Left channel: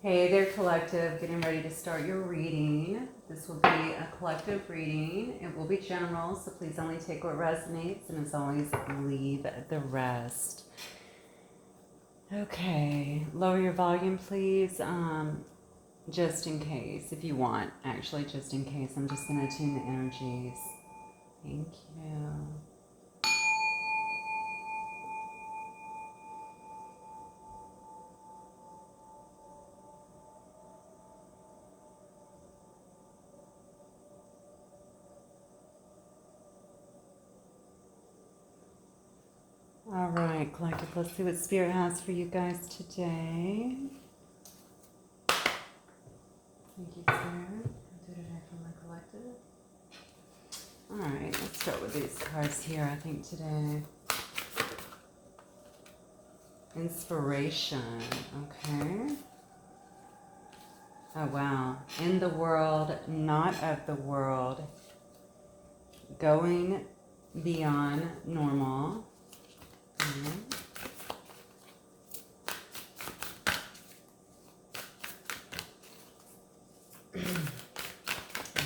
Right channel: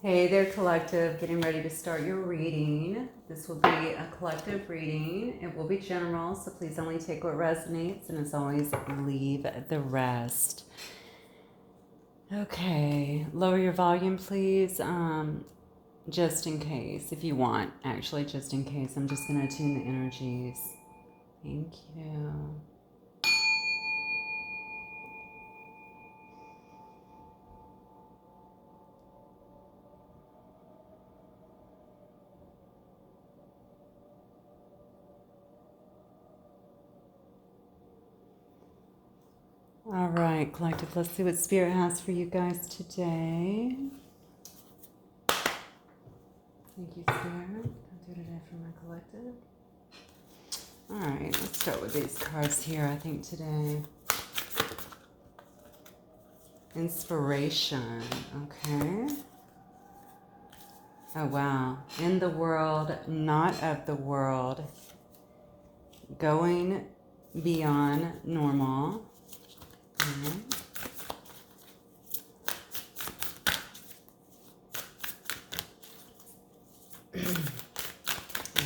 Hey there, collective. Getting ready to start your reading. This will be a collective reading. It will be general, so please only take what resonates, and as always, leave the rest. Okay, lower your volume, please. Just in case, if you want, actually, just in case. I'm just going to tune the energies. Thank you. All right, collective, let's see what Spirit has for you guys today. Thank you, Spirit. I'll do today for my collective. All right, let's start with these cards here, I think, today. Inspiration, okay. Oh, wow. In the world, not of the world. Going beyond normal. Okay.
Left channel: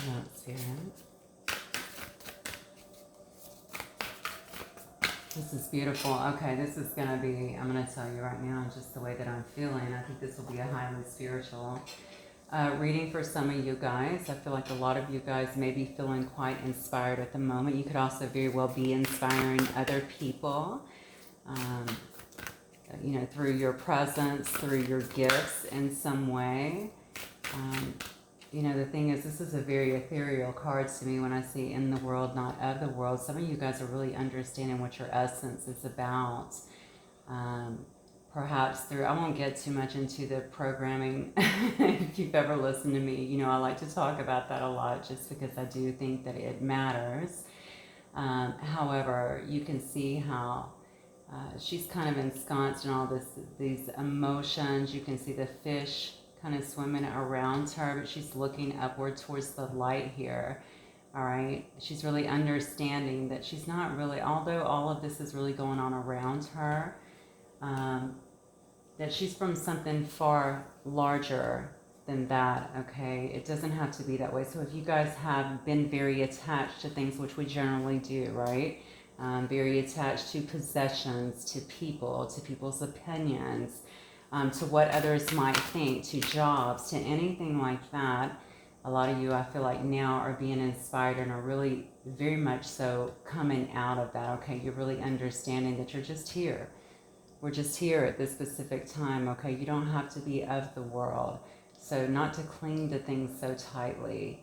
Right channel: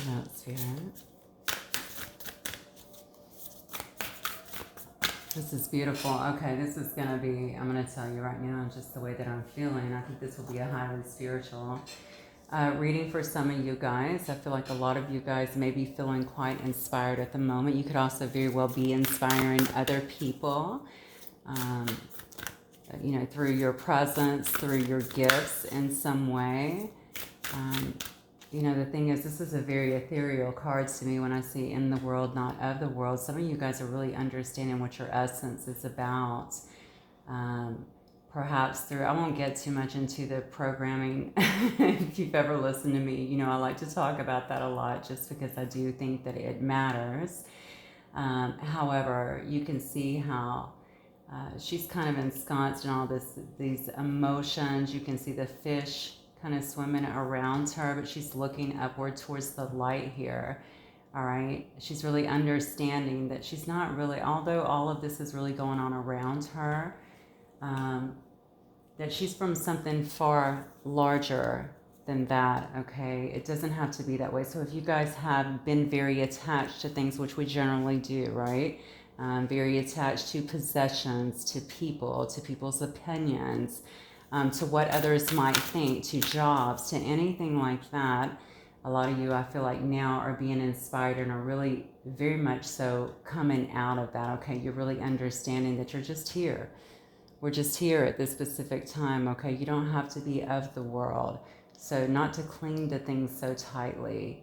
That's here. This is beautiful. Okay, this is going to be, I'm going to tell you right now, just the way that I'm feeling. I think this will be a highly spiritual reading for some of you guys. I feel like a lot of you guys may be feeling quite inspired at the moment. You could also very well be inspiring other people, you know, through your presence, through your gifts in some way. You know, the thing is, this is a very ethereal card to me when I see in the world, not of the world. Some of you guys are really understanding what your essence is about. Perhaps through, I won't get too much into the programming. If you've ever listened to me, you know, I like to talk about that a lot just because I do think that it matters. However, you can see how she's kind of ensconced in all these emotions. You can see the fish kind of swimming around her, but she's looking upward towards the light here. All right, she's really understanding that she's not really, although all of this is really going on around her, that she's from something far larger than that. Okay, it doesn't have to be that way. So if you guys have been very attached to things, which we generally do, right? Very attached to possessions, to people, to people's opinions, to what others might think, to jobs, to anything like that. A lot of you, I feel like now, are being inspired and are really very much so coming out of that. Okay, you're really understanding that you're just here. We're just here at this specific time. Okay, you don't have to be of the world. So not to cling to things so tightly.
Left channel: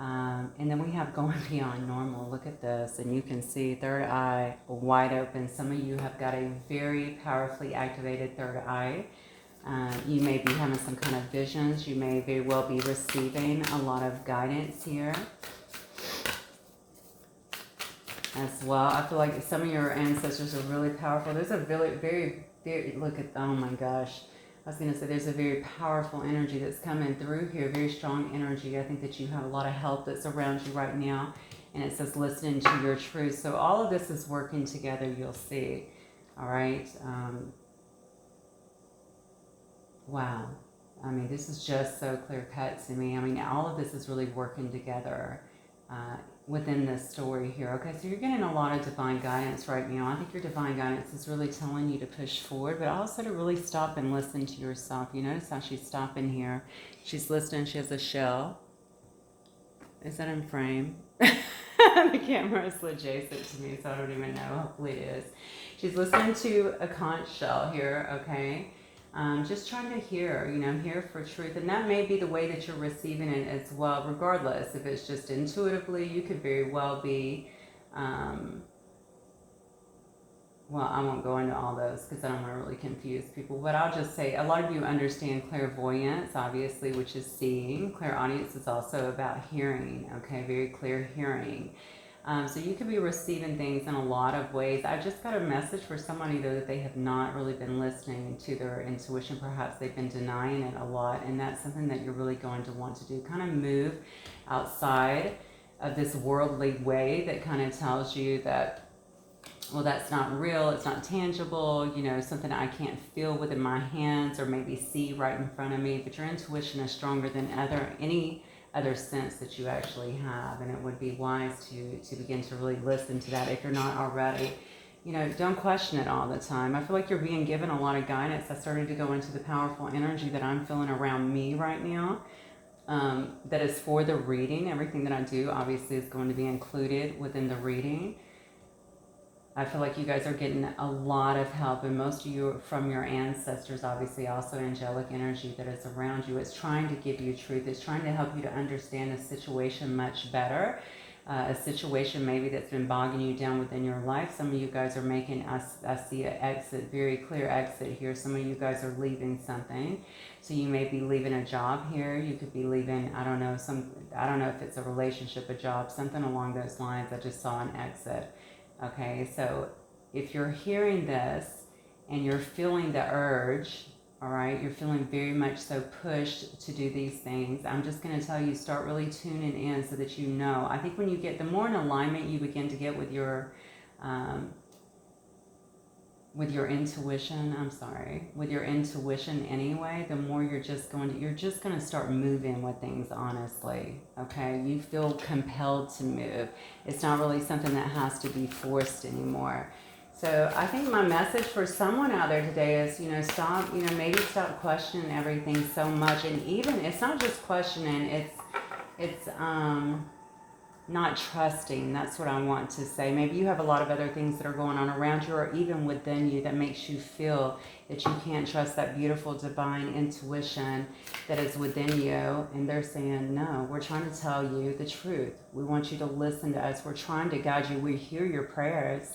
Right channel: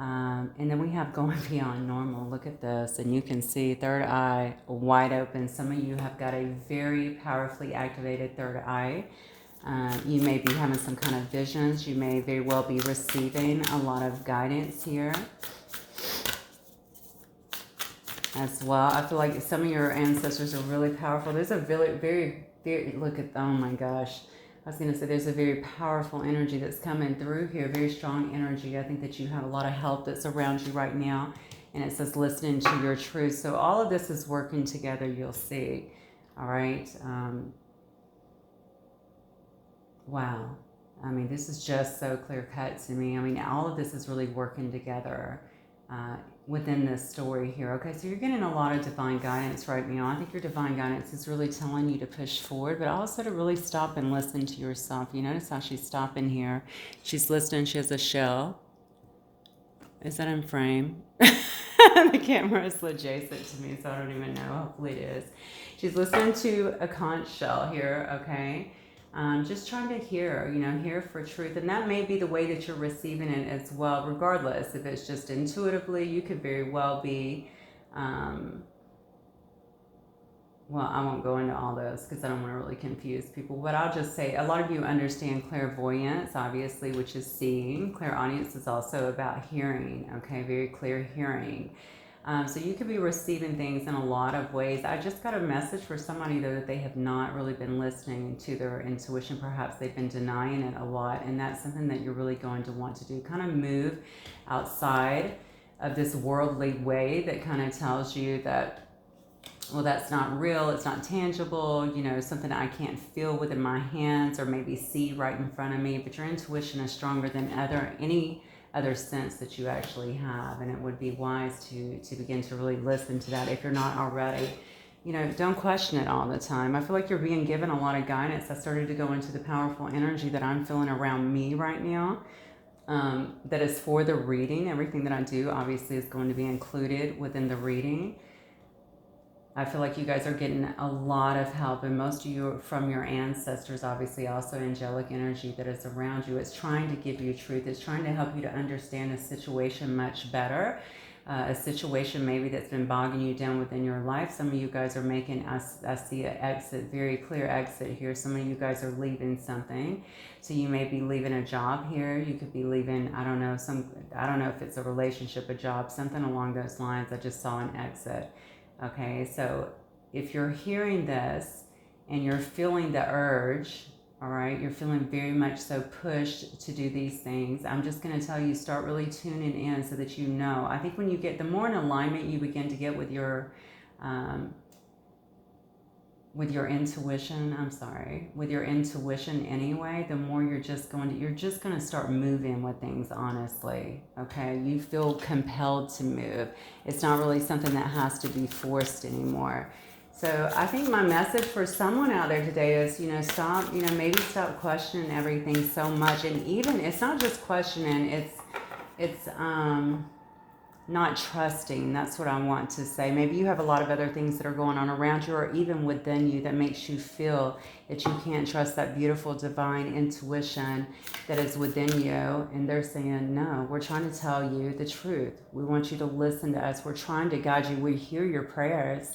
And then we have going beyond normal. Look at this, and you can see third eye wide open. Some of you have got a very powerfully activated third eye. You may be having some kind of visions. You may very well be receiving a lot of guidance here as well. I feel like some of your ancestors are really powerful. There's a very, look at, oh my gosh. I was going to say there's a very powerful energy that's coming through here, very strong energy. I think that you have a lot of help that's around you right now, and it says listening to your truth. So all of this is working together, you'll see. All right. Wow. I mean, this is just so clear cut to me. I mean, all of this is really working together within this story here. Okay, so you're getting a lot of divine guidance right now. I think your divine guidance is really telling you to push forward, but also to really stop and listen to yourself. You notice how she's stopping here. She's listening. She has a shell. Is that in frame? The camera is adjacent to me, so I don't even know. Hopefully it is. She's listening to a conch shell here, okay? Just trying to hear, you know, hear for truth. And that may be the way that you're receiving it as well, regardless. If it's just intuitively, you could very well be, well, I won't go into all those because I don't want to really confuse people. But I'll just say a lot of you understand clairvoyance, obviously, which is seeing. Clairaudience is also about hearing, okay? Very clear hearing. So you could be receiving things in a lot of ways. I just got a message for somebody, though, that they have not really been listening to their intuition. Perhaps they've been denying it a lot, and that's something that you're really going to want to do. Kind of move outside of this worldly way that kind of tells you that well, that's not real, it's not tangible, you know, something I can't feel within my hands or maybe see right in front of me. But your intuition is stronger than any other sense that you actually have, and it would be wise to begin to really listen to that if you're not already. You know, don't question it all the time. I feel like you're being given a lot of guidance. I started to go into the powerful energy that I'm feeling around me right now. That is for the reading. Everything that I do obviously is going to be included within the reading. I feel like you guys are getting a lot of help, and most of you from your ancestors, obviously also angelic energy that is around you. It's trying to give you truth. It's trying to help you to understand a situation much better. A situation maybe that's been bogging you down within your life. Some of you guys are making, I see an exit, very clear exit here. Some of you guys are leaving something. So you may be leaving a job here. You could be leaving, I don't know if it's a relationship, a job, something along those lines. I just saw an exit. Okay, so if you're hearing this and you're feeling the urge, all right, you're feeling very much so pushed to do these things, I'm just going to tell you, start really tuning in so that you know. I think when you get, the more in alignment you begin to get with your intuition, with your intuition anyway, the more you're just going to start moving with things, honestly. Okay, you feel compelled to move. It's not really something that has to be forced anymore. So I think my message for someone out there today is, you know, stop, you know, maybe stop questioning everything so much. And even, it's not just questioning, it's not trusting. That's what I want to say. Maybe you have a lot of other things that are going on around you or even within you that makes you feel that you can't trust that beautiful divine intuition that is within you. And they're saying, no, we're trying to tell you the truth. We want you to listen to us. We're trying to guide you. We hear your prayers.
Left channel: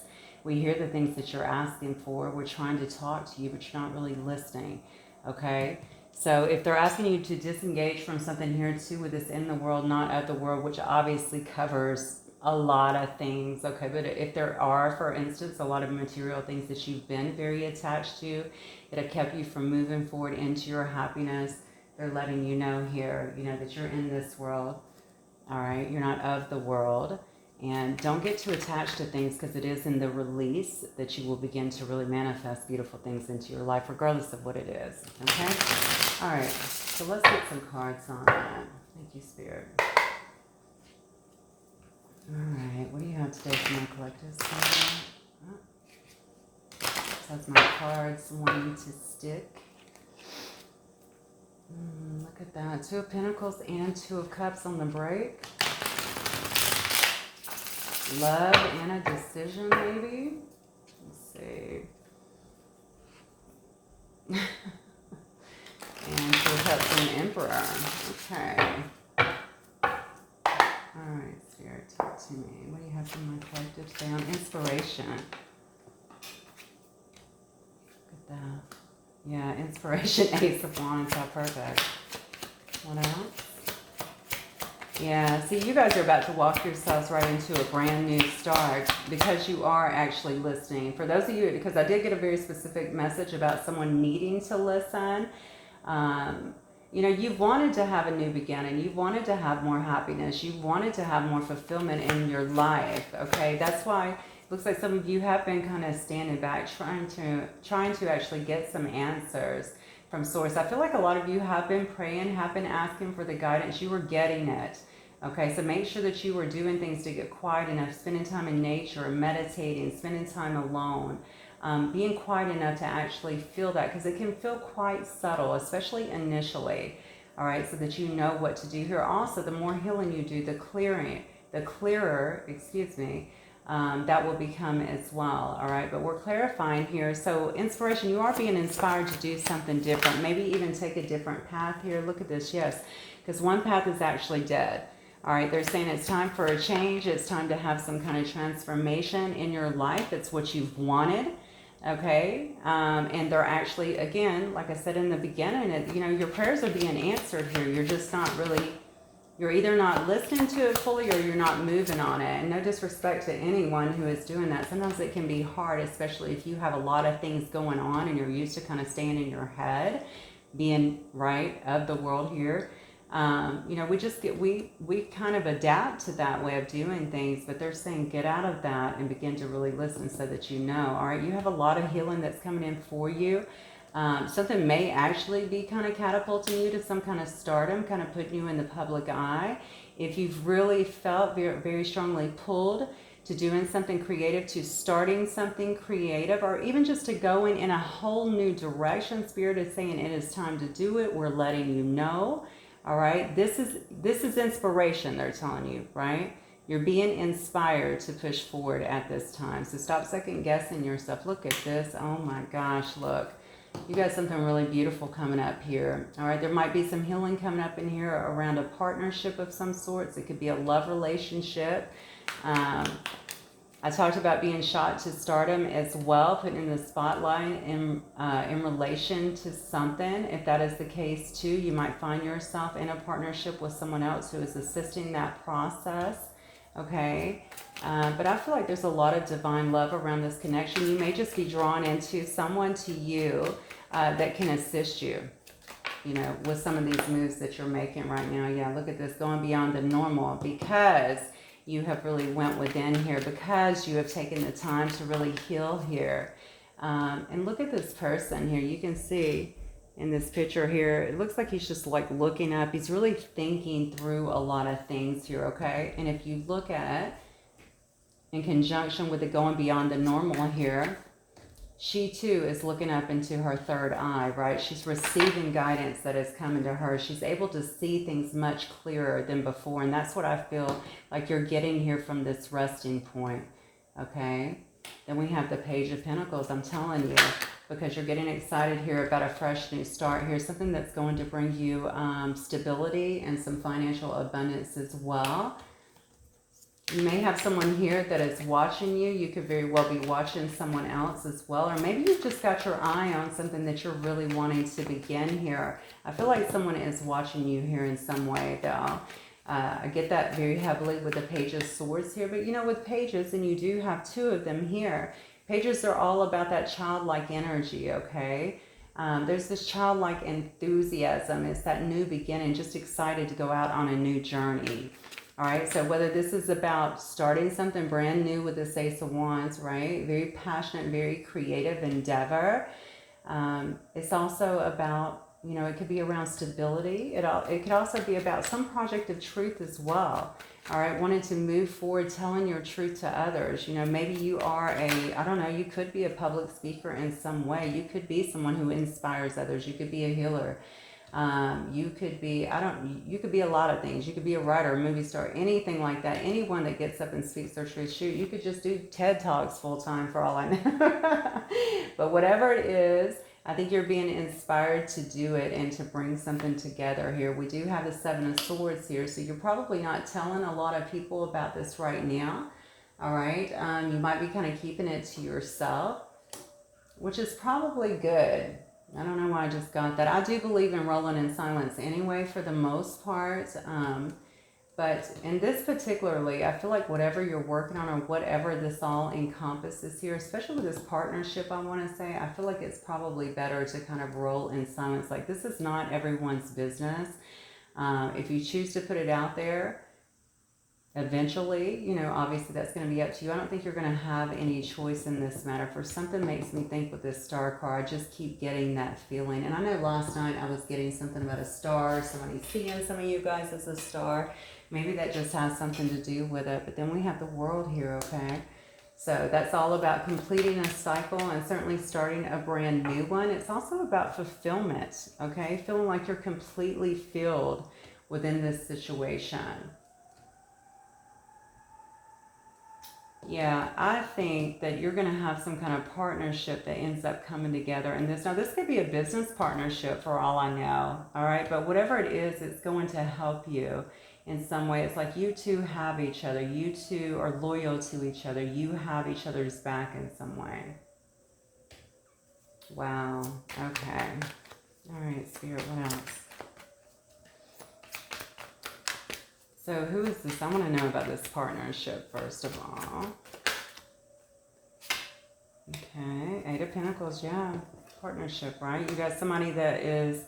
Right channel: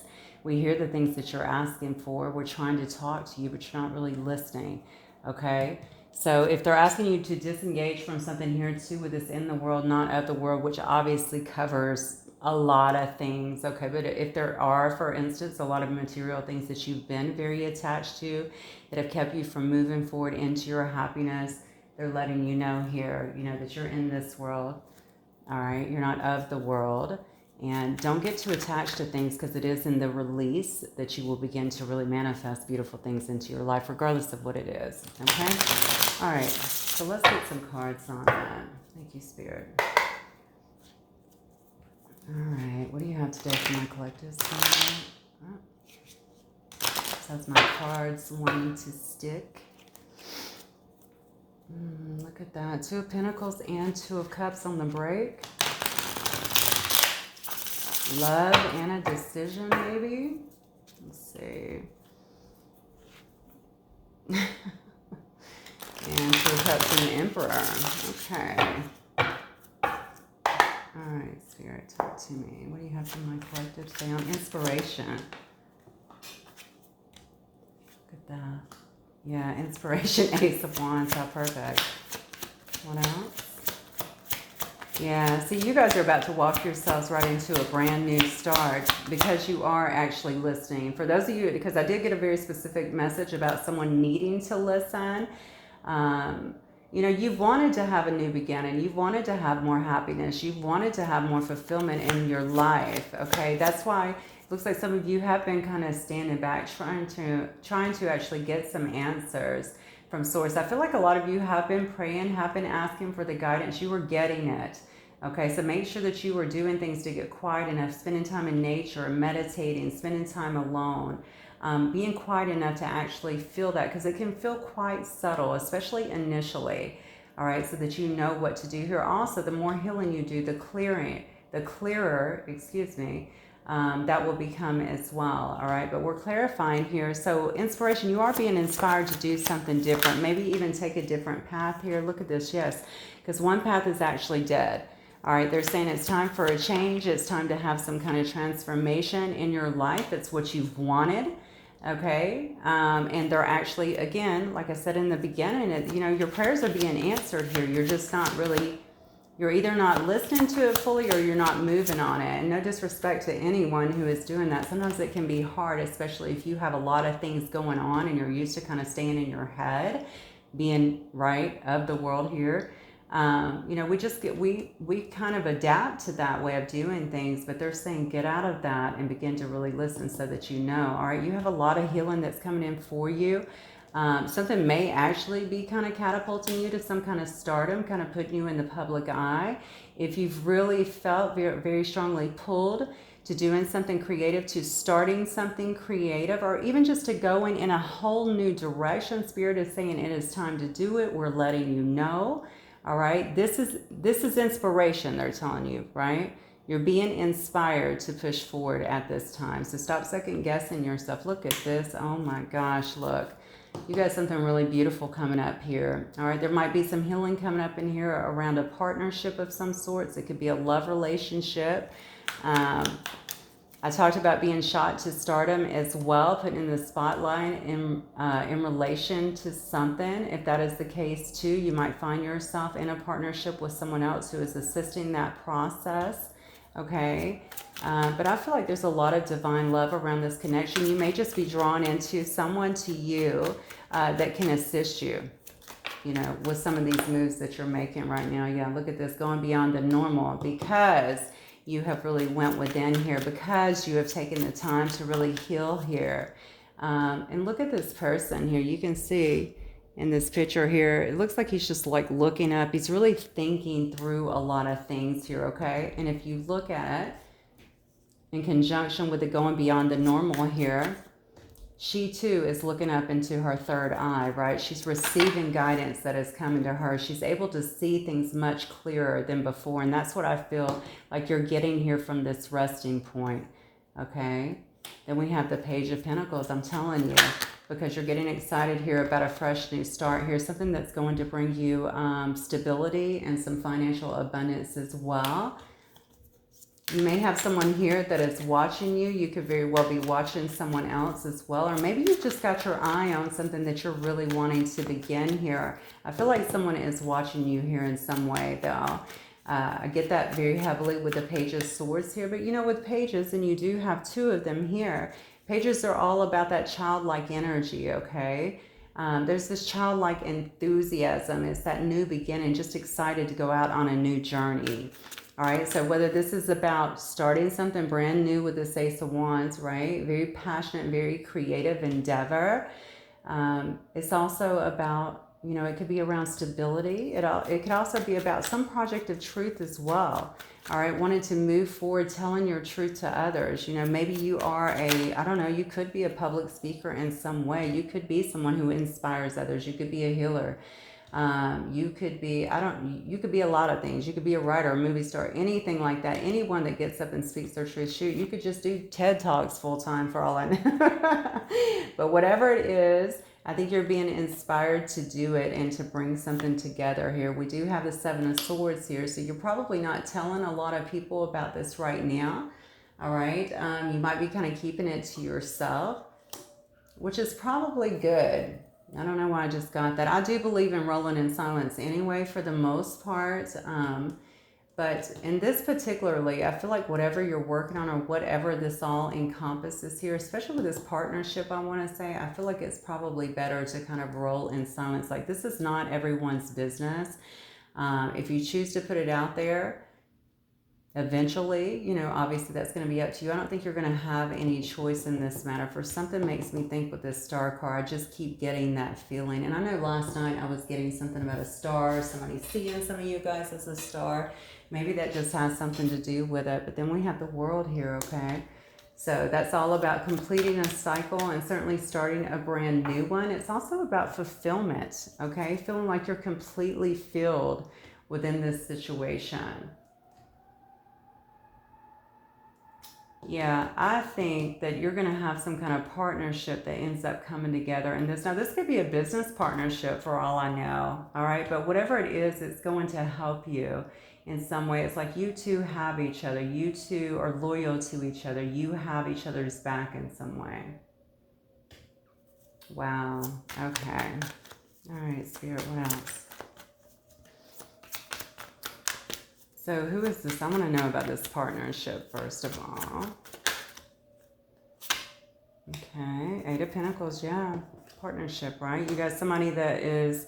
We hear the things that you're asking for. We're trying to talk to you, but you're not really listening. Okay? So if they're asking you to disengage from something here too, with this in the world, not of the world, which obviously covers a lot of things, okay, but if there are, for instance, a lot of material things that you've been very attached to that have kept you from moving forward into your happiness, they're letting you know here, you know, that you're in this world, all right, you're not of the world. And don't get too attached to things, because it is in the release that you will begin to really manifest beautiful things into your life, regardless of what it is. Okay? All right. So let's get some cards on that. Thank you, Spirit. All right. What do you have today for my collective? So that's my cards wanting to stick. Look at that. 2 of Pentacles and 2 of Cups on the break. Love and a decision, maybe. Let's see. And 2 of Cups and the Emperor. Okay. All right, Spirit, talk to me. What do you have for my collective sound? Inspiration. Look at that. Yeah, inspiration. Ace of Wands. How perfect. What else? Yeah, see, you guys are about to walk yourselves right into a brand new start because you are actually listening. For those of you, because I did get a very specific message about someone needing to listen. You know, you've wanted to have a new beginning. You've wanted to have more happiness. You've wanted to have more fulfillment in your life, okay? That's why it looks like some of you have been kind of standing back, trying to actually get some answers from source. I feel like a lot of you have been praying, have been asking for the guidance. You were getting it. Okay, so make sure that you were doing things to get quiet enough, spending time in nature, meditating, spending time alone, being quiet enough to actually feel that, because it can feel quite subtle, especially initially. All right, so that you know what to do here. Also, the more healing you do, the clearer, that will become as well. All right, but we're clarifying here. So inspiration, you are being inspired to do something different, maybe even take a different path here. Look at this, yes, because one path is actually dead. All right, they're saying it's time for a change. It's time to have some kind of transformation in your life. It's what you've wanted, okay? And they're actually, again, like I said in the beginning, you know, your prayers are being answered here. You're just not really, you're either not listening to it fully or you're not moving on it. And no disrespect to anyone who is doing that. Sometimes it can be hard, especially if you have a lot of things going on and you're used to kind of staying in your head, being right of the world here. You know, we kind of adapt to that way of doing things, but they're saying get out of that and begin to really listen so that you know. All right, you have a lot of healing that's coming in for you. Something may actually be kind of catapulting you to some kind of stardom, kind of putting you in the public eye. If you've really felt very, very strongly pulled to doing something creative, to starting something creative, or even just to going in a whole new direction, Spirit is saying it is time to do it. We're letting you know. All right, this is inspiration, they're telling you, right? You're being inspired to push forward at this time. So stop second guessing yourself. Look at this. Oh my gosh, look. You got something really beautiful coming up here. All right, there might be some healing coming up in here around a partnership of some sorts. It could be a love relationship. I talked about being shot to stardom as well, putting in the spotlight in relation to something. If that is the case too, you might find yourself in a partnership with someone else who is assisting that process. Okay, but I feel like there's a lot of divine love around this connection. You may just be drawn into someone to you that can assist you, you know, with some of these moves that you're making right now. Yeah, look at this, going beyond the normal, because you have really went within here, because you have taken the time to really heal here. And look at this person here. You can see in this picture here, it looks like he's just like looking up. He's really thinking through a lot of things here, okay? And if you look at, in conjunction with the going beyond the normal here, she too is looking up into her third eye, right? She's receiving guidance that is coming to her. She's able to see things much clearer than before. And that's what I feel like you're getting here from this resting point, okay? Then we have the Page of Pentacles, I'm telling you, because you're getting excited here about a fresh new start here, something that's going to bring you stability and some financial abundance as well. You may have someone here that is watching you. You could very well be watching someone else as well. Or maybe you've just got your eye on something that you're really wanting to begin here. I feel like someone is watching you here in some way, though. I get that very heavily with the Page of Swords here. But, you know, with pages, and you do have two of them here, pages are all about that childlike energy, okay? There's this childlike enthusiasm. It's that new beginning, just excited to go out on a new journey. All right, so whether this is about starting something brand new with this Ace of Wands, right? Very passionate, very creative endeavor. It's also about, you know, it could be around stability. It could also be about some project of truth as well. All right, wanting to move forward, telling your truth to others. You know, maybe you are I don't know, you could be a public speaker in some way. You could be someone who inspires others. You could be a healer. You could be, you could be a lot of things. You could be a writer, a movie star, anything like that. Anyone that gets up and speaks their truth. Shoot, you could just do TED Talks full time for all I know. But whatever it is, I think you're being inspired to do it and to bring something together here. We do have the Seven of Swords here, so you're probably not telling a lot of people about this right now. All right, you might be kind of keeping it to yourself, which is probably good. I don't know why I just got that. I do believe in rolling in silence anyway, for the most part. But in this particularly, I feel like whatever you're working on or whatever this all encompasses here, especially with this partnership, I want to say, I feel like it's probably better to kind of roll in silence. Like, this is not everyone's business. If you choose to put it out there, eventually, you know, obviously that's going to be up to you. I don't think you're going to have any choice in this matter. For something makes me think with this star card, I just keep getting that feeling. And I know last night I was getting something about a star, somebody seeing some of you guys as a star. Maybe that just has something to do with it. But then we have the World here, okay? So that's all about completing a cycle and certainly starting a brand new one. It's also about fulfillment, okay? Feeling like you're completely filled within this situation. Yeah, I think that you're going to have some kind of partnership that ends up coming together in this. Now, this could be a business partnership for all I know, all right? But whatever it is, it's going to help you in some way. It's like you two have each other. You two are loyal to each other. You have each other's back in some way. Wow. Okay. All right, Spirit, what else? So who is this? I want to know about this partnership first of all. Okay, Eight of Pentacles, yeah. Partnership, right? You got somebody that is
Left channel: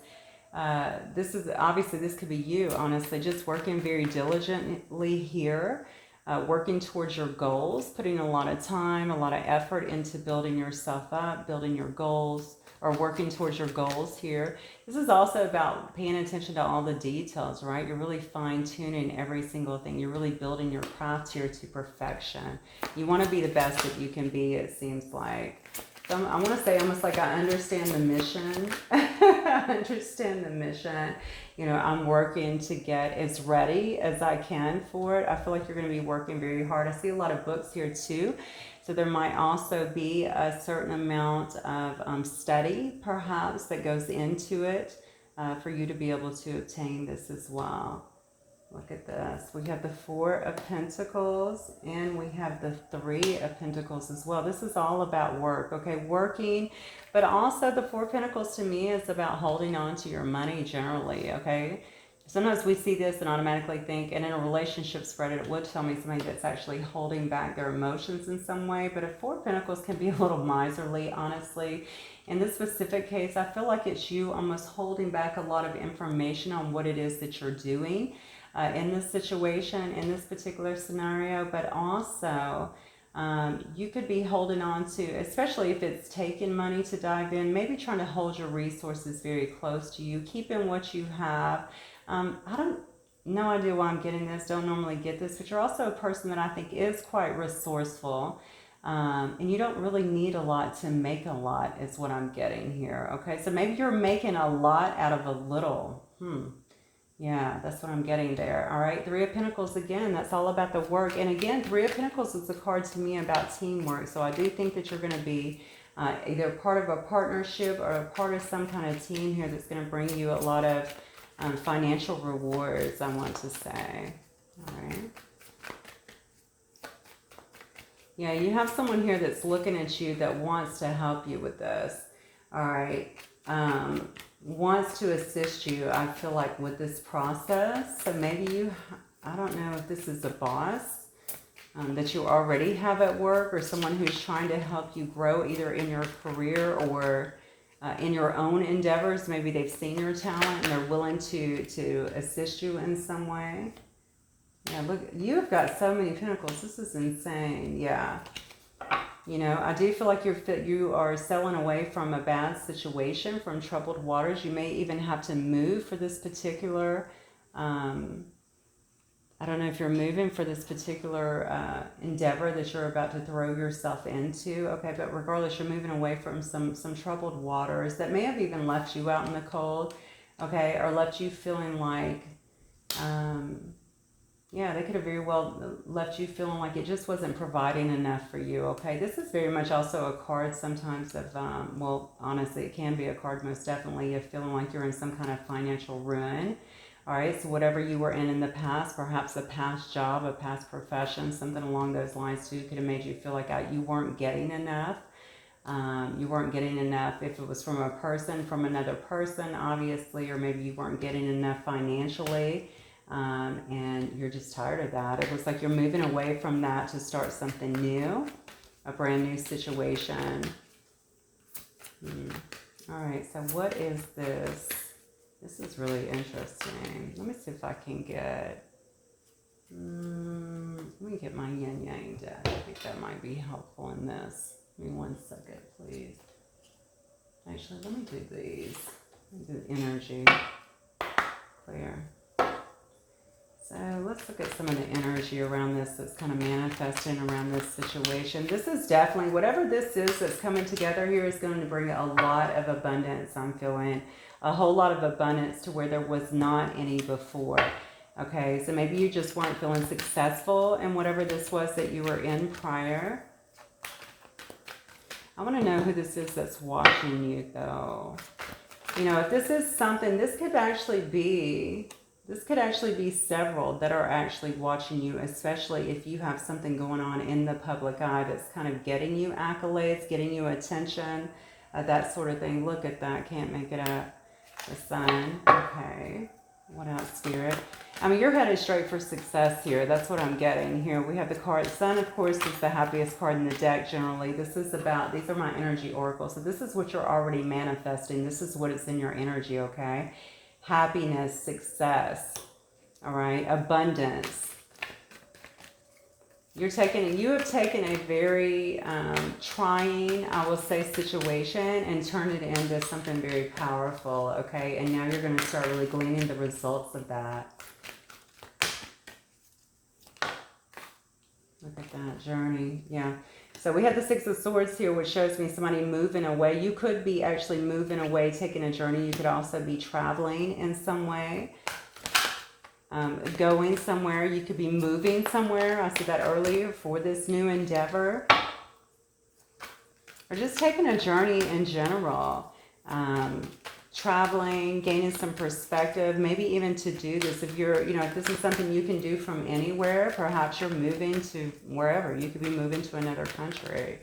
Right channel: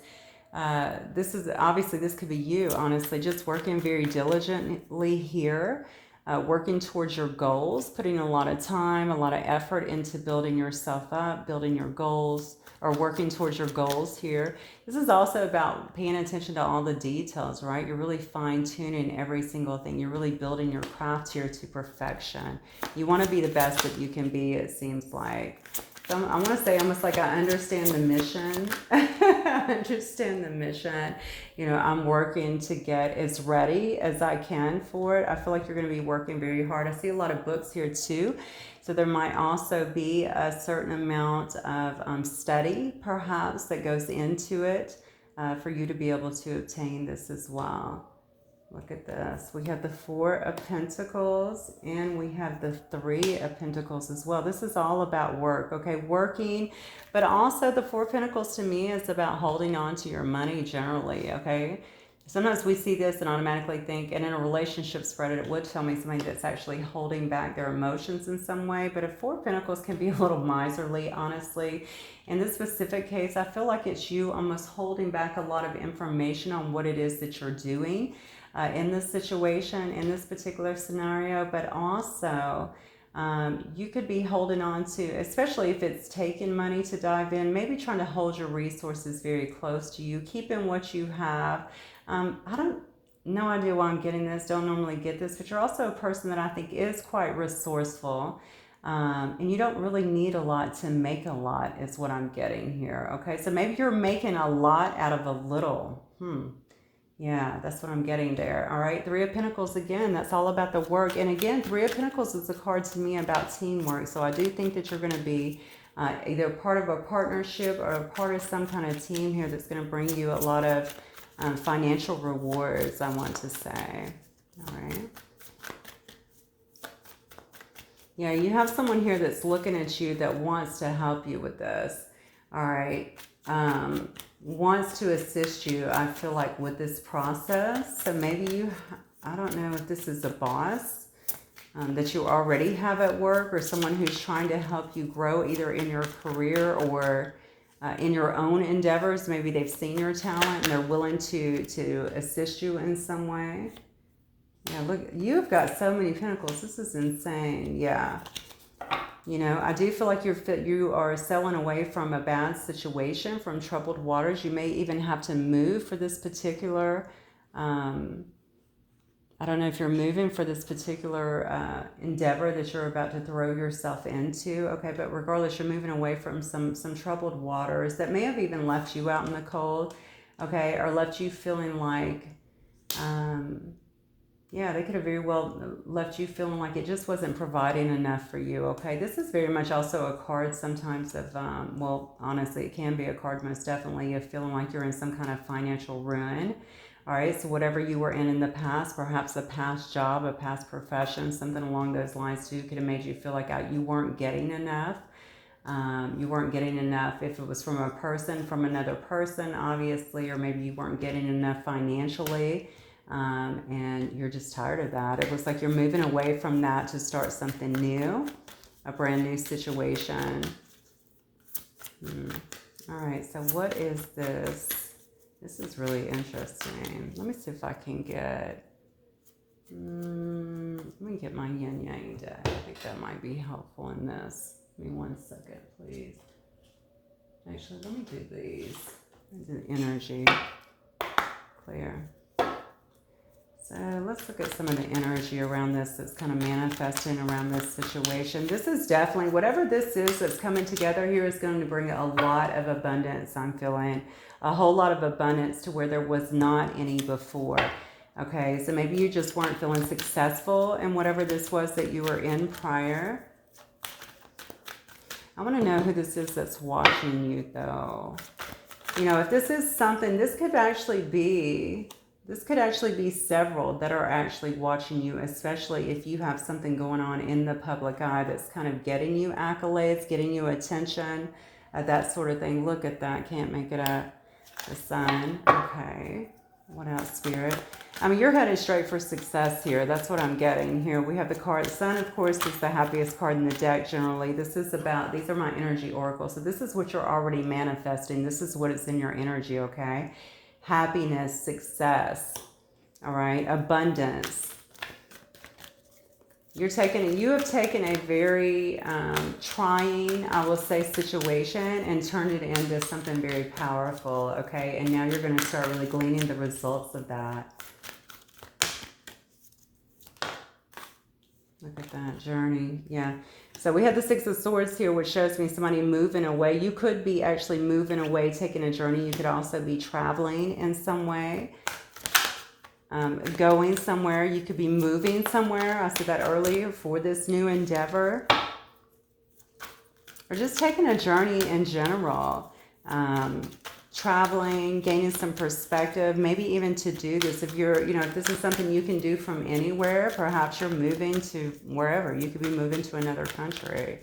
This is obviously, this could be you, honestly, just working very diligently here, working towards your goals, putting a lot of time, a lot of effort into building yourself up, building your goals, or working towards your goals here. This is also about paying attention to all the details, right? You're really fine-tuning every single thing. You're really building your craft here to perfection. You want to be the best that you can be, it seems like. So I want to say almost like I understand the mission. I understand the mission. You know, I'm working to get as ready as I can for it. I feel like you're going to be working very hard. I see a lot of books here too. So there might also be a certain amount of study perhaps that goes into it for you to be able to obtain this as well. Look at this. We have the Four of Pentacles and we have the Three of Pentacles as well. This is all about work, okay? Working, but also the Four of Pentacles to me is about holding on to your money generally, okay? Sometimes we see this and automatically think, and in a relationship spread, it would tell me somebody that's actually holding back their emotions in some way. But a Four of Pentacles can be a little miserly, honestly. In this specific case, I feel like it's you almost holding back a lot of information on what it is that you're doing in this situation, in this particular scenario. But also, you could be holding on to, especially if it's taking money to dive in, maybe trying to hold your resources very close to you, keeping what you have. I don't, no idea why I'm getting this, don't normally get this, but you're also a person that I think is quite resourceful. And you don't really need a lot to make a lot is what I'm getting here. Okay, so maybe you're making a lot out of a little. Yeah, that's what I'm getting there. All right, Three of Pentacles again, that's all about the work. And again, Three of Pentacles is a card to me about teamwork. So I do think that you're going to be either part of a partnership or a part of some kind of team here that's going to bring you a lot of financial rewards, I want to say. All right. Yeah, you have someone here that's looking at you that wants to help you with this. All right. Wants to assist you, I feel like, with this process. So maybe you, I don't know if this is a boss that you already have at work, or someone who's trying to help you grow either in your career or in your own endeavors. Maybe they've seen your talent and they're willing to assist you in some way. Yeah, look, you've got so many pentacles. This is insane. Yeah. You know, I do feel like you are sailing away from a bad situation, from troubled waters. You may even have to move for this particular, I don't know if you're moving for this particular endeavor that you're about to throw yourself into. Okay, but regardless, you're moving away from some troubled waters that may have even left you out in the cold, okay, or left you feeling like, yeah, they could have very well left you feeling like it just wasn't providing enough for you, okay? This is very much also a card sometimes of, well, honestly, it can be a card most definitely of feeling like you're in some kind of financial ruin. All right, so whatever you were in the past, perhaps a past job, a past profession, something along those lines too, could have made you feel like you weren't getting enough. You weren't getting enough if it was from a person, from another person, obviously, or maybe you weren't getting enough financially, and you're just tired of that. It looks like you're moving away from that to start something new, a brand new situation. All right, so what is this? This is really interesting. Let me see if I can get, let me get my yin yang deck. I think that might be helpful in this. Give me 1 second, please. Actually, let me do these. Let me do energy. Clear. So let's look at some of the energy around this that's kind of manifesting around this situation. This is definitely, whatever this is that's coming together here is going to bring a lot of abundance, I'm feeling. A whole lot of abundance to where there was not any before. Okay, so maybe you just weren't feeling successful in whatever this was that you were in prior. I want to know who this is that's watching you, though. You know, if this is something, this could actually be several that are actually watching you, especially if you have something going on in the public eye that's kind of getting you accolades, getting you attention, that sort of thing. Look at that. Can't make it up. The Sun. Okay. What else, Spirit? I mean, you're headed straight for success here. That's what I'm getting here. We have the card. Sun, of course, is the happiest card in the deck generally. This is about, these are my energy oracles. So this is what you're already manifesting. This is what is in your energy, okay? happiness, success, all right, abundance. You have taken a very trying, I will say, situation and turned it into something very powerful, okay? And now you're going to start really gleaning the results of that. Look at that journey. Yeah. So we have the Six of Swords here, which shows me somebody moving away. You could be actually moving away, taking a journey. You could also be traveling in some way. Going somewhere. You could be moving somewhere. I said that earlier, for this new endeavor. Or just taking a journey in general. Traveling, gaining some perspective, maybe even to do this. If you're, if this is something you can do from anywhere, perhaps you're moving to wherever. You could be moving to another country.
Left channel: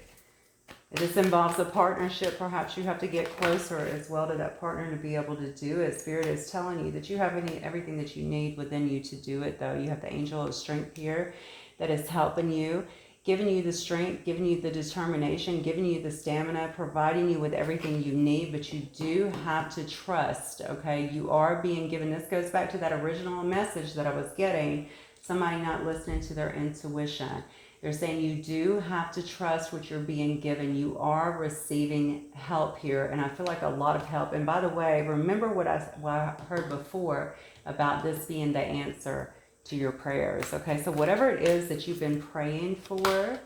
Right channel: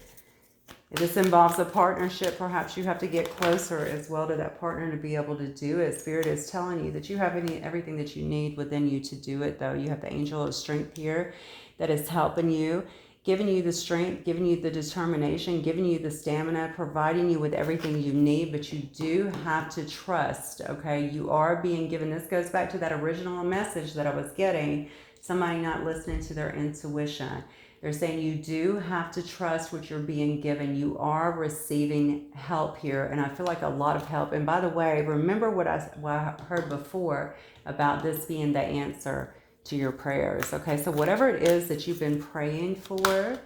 If this involves a partnership, perhaps you have to get closer as well to that partner to be able to do it. Spirit is telling you that you have everything that you need within you to do it, though. You have the angel of strength here that is helping you, giving you the strength, giving you the determination, giving you the stamina, providing you with everything you need, but you do have to trust, okay? You are being given, this goes back to that original message that I was getting, somebody not listening to their intuition. They're saying you do have to trust what you're being given. You are receiving help here, and I feel like a lot of help. And by the way, remember what I heard before about this being the answer to your prayers. Okay, so whatever it is that you've been praying for,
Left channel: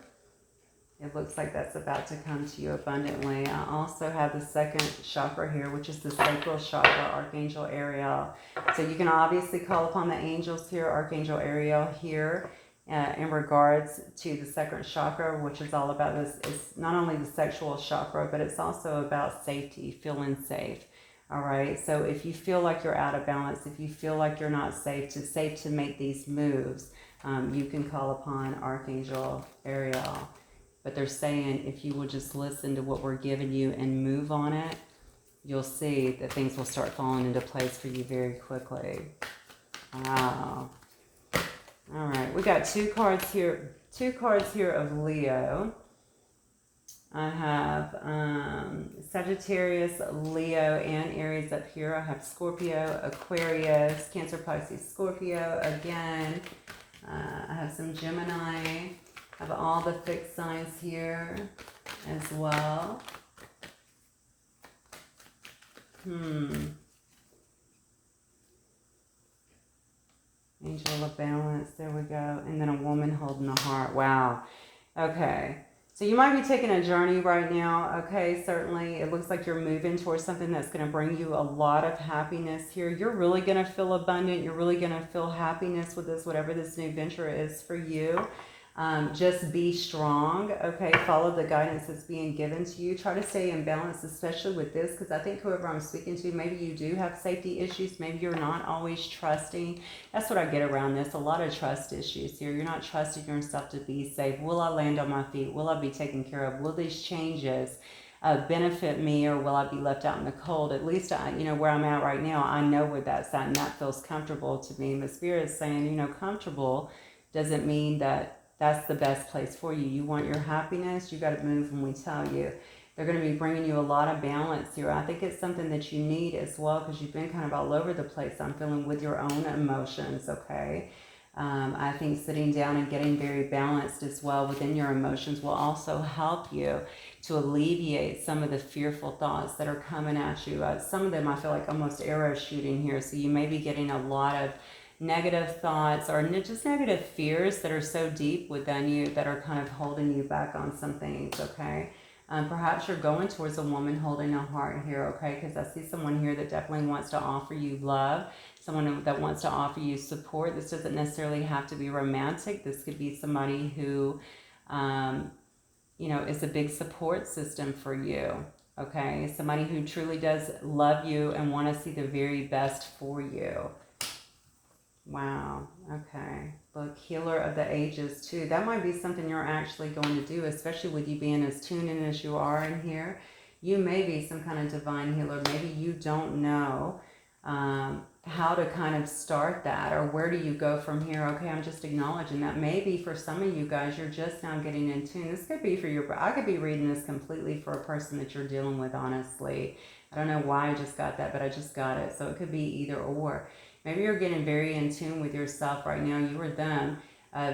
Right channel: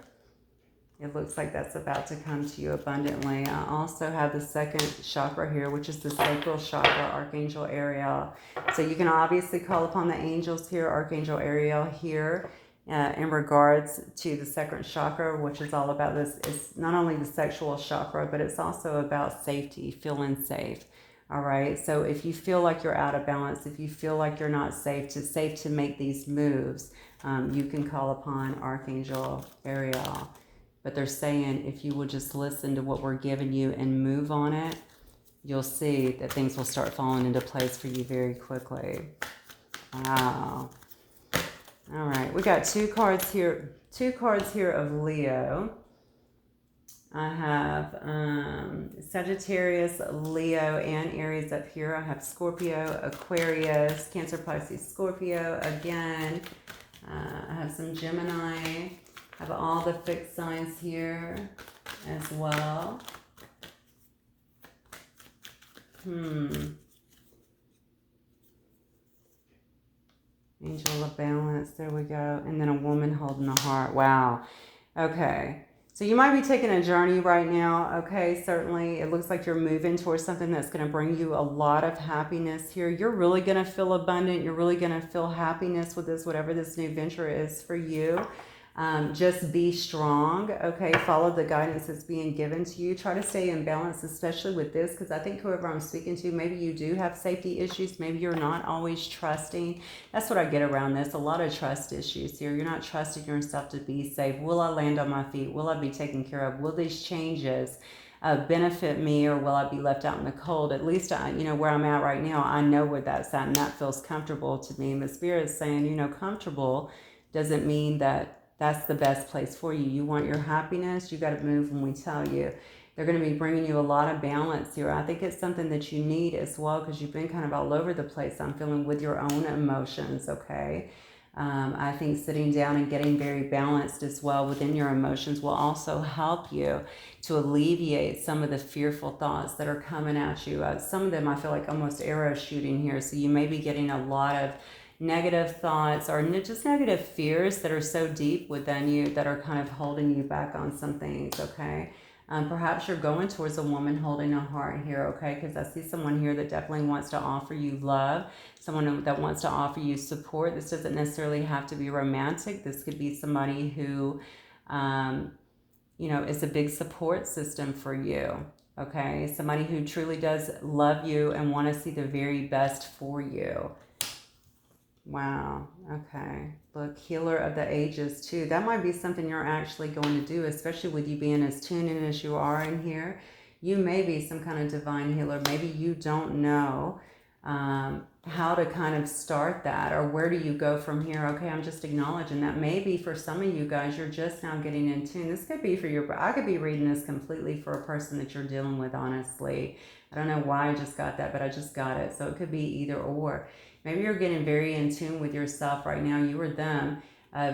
it looks like that's about to come to you abundantly. I also have the second chakra here, which is the sacral chakra, Archangel Ariel. So you can obviously call upon the angels here, Archangel Ariel here, in regards to the second chakra, which is all about this. It's not only the sexual chakra, but it's also about safety, feeling safe. All right, so if you feel like you're out of balance, if you feel like you're not safe to make these moves, you can call upon Archangel Ariel. But they're saying if you will just listen to what we're giving you and move on it, you'll see that things will start falling into place for you very quickly. Wow. All right, we got two cards here of Leo. I have Sagittarius, Leo, and Aries up here. I have Scorpio, Aquarius, Cancer, Pisces, Scorpio again. I have some Gemini. I have all the fixed signs here as well. Angel of Balance, there we go. And then a woman holding a heart. Wow. Okay. So you might be taking a journey right now. Okay, certainly. It looks like you're moving towards something that's going to bring you a lot of happiness here. You're really going to feel abundant. You're really going to feel happiness with this, whatever this new venture is for you. Just be strong, okay? Follow the guidance that's being given to you. Try to stay in balance, especially with this, because I think whoever I'm speaking to, maybe you do have safety issues. Maybe you're not always trusting. That's what I get around this. A lot of trust issues here. You're not trusting yourself to be safe. Will I land on my feet? Will I be taken care of? Will these changes benefit me, or will I be left out in the cold? At least, where I'm at right now, I know where that's at, and that feels comfortable to me. And the Spirit is saying, comfortable doesn't mean that that's the best place for you. You want your happiness, you got to move when we tell you. They're going to be bringing you a lot of balance here. I think it's something that you need as well, because you've been kind of all over the place, I'm feeling, with your own emotions, okay? I think sitting down and getting very balanced as well within your emotions will also help you to alleviate some of the fearful thoughts that are coming at you. Some of them I feel like almost arrow shooting here, so you may be getting a lot of negative thoughts or just negative fears that are so deep within you that are kind of holding you back on some things, okay? Perhaps you're going towards a woman holding a heart here, okay? Because I see someone here that definitely wants to offer you love, someone that wants to offer you support. This doesn't necessarily have to be romantic. This could be somebody who, is a big support system for you, okay? Somebody who truly does love you and want to see the very best for you. Wow. Okay. Look, healer of the ages too. That might be something you're actually going to do, especially with you being as tuned in as you are in here. You may be some kind of divine healer. Maybe you don't know how to kind of start that, or where do you go from here. Okay, I'm just acknowledging that. Maybe for some of you guys, you're just now getting in tune. This could be for I could be reading this completely for a person that you're dealing with, honestly. I don't know why I just got that, but I just got it. So it could be either or. Maybe you're getting very in tune with yourself right now, you or them,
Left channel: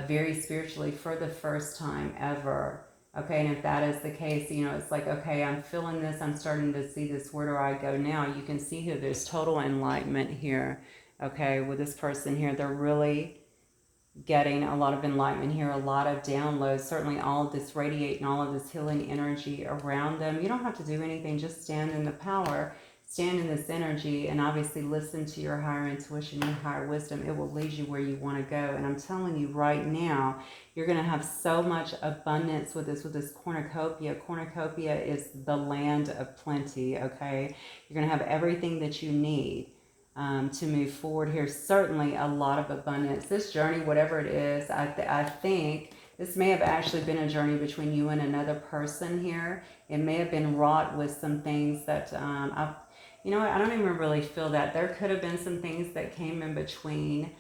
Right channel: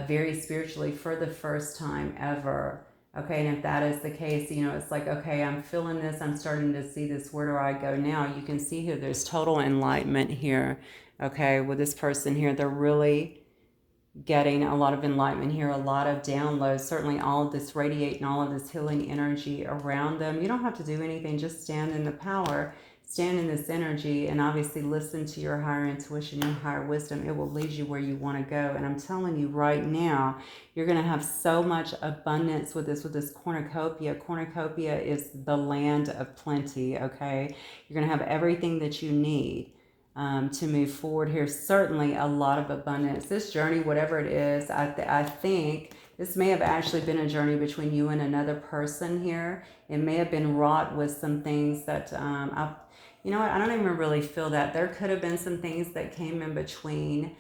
very spiritually for the first time ever. Okay, and if that is the case, you know, it's like, okay, I'm feeling this, I'm starting to see this, where do I go now? You can see here, there's total enlightenment here, okay, with this person here. They're really getting a lot of enlightenment here, a lot of downloads, certainly all of this radiating, all of this healing energy around them. You don't have to do anything, just stand in the power, stand in this energy, and obviously listen to your higher intuition, your higher wisdom. It will lead you where you want to go. And I'm telling you right now, you're going to have so much abundance with this cornucopia. Cornucopia is the land of plenty, okay? You're going to have everything that you need to move forward here. Certainly a lot of abundance. This journey, whatever it is, I think this may have actually been a journey between you and another person here. It may have been wrought with some things that, you know what, I don't even really feel that. There could have been some things that came in between